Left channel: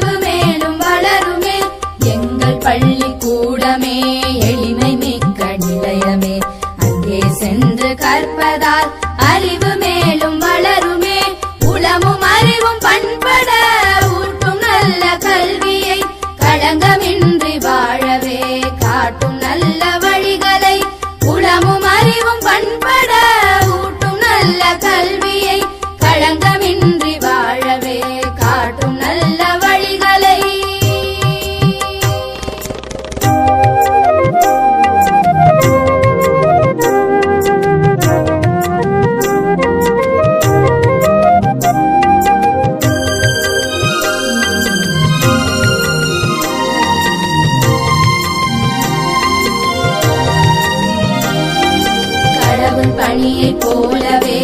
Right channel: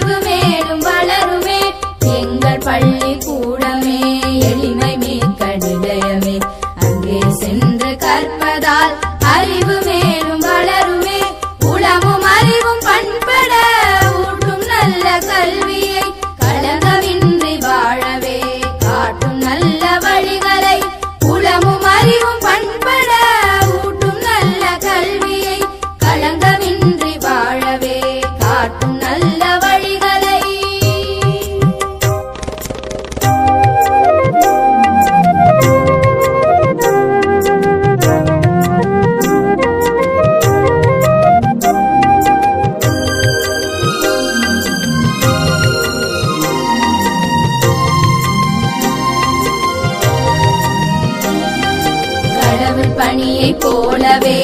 அறிவு போலவே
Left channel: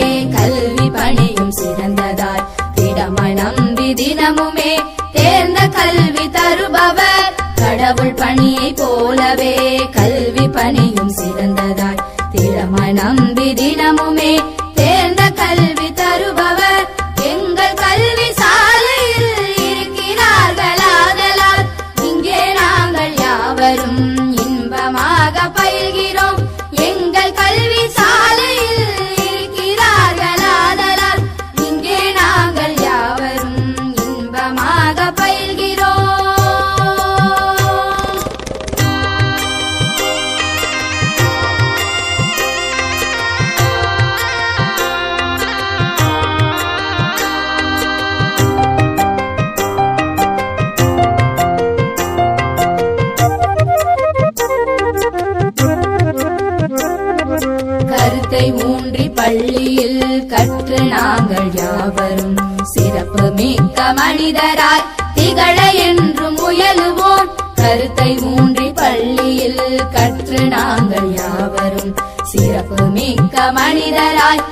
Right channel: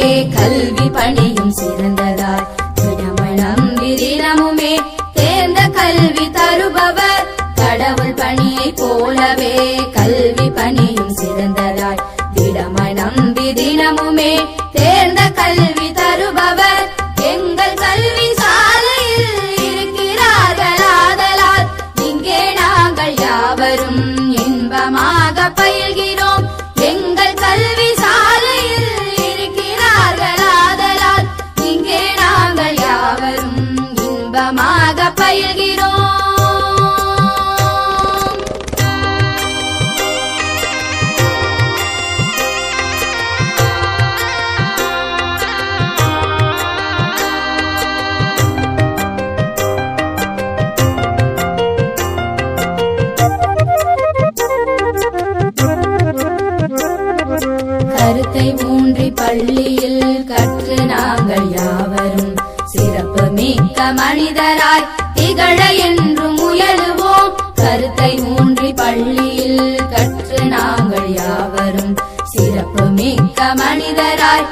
என்றும் முயலுவோம். கருத்தை ஊன்றி பள்ளியில் கற்று நாங்கள் யாவரும் சிறப்பு மிக்க மனிதராய்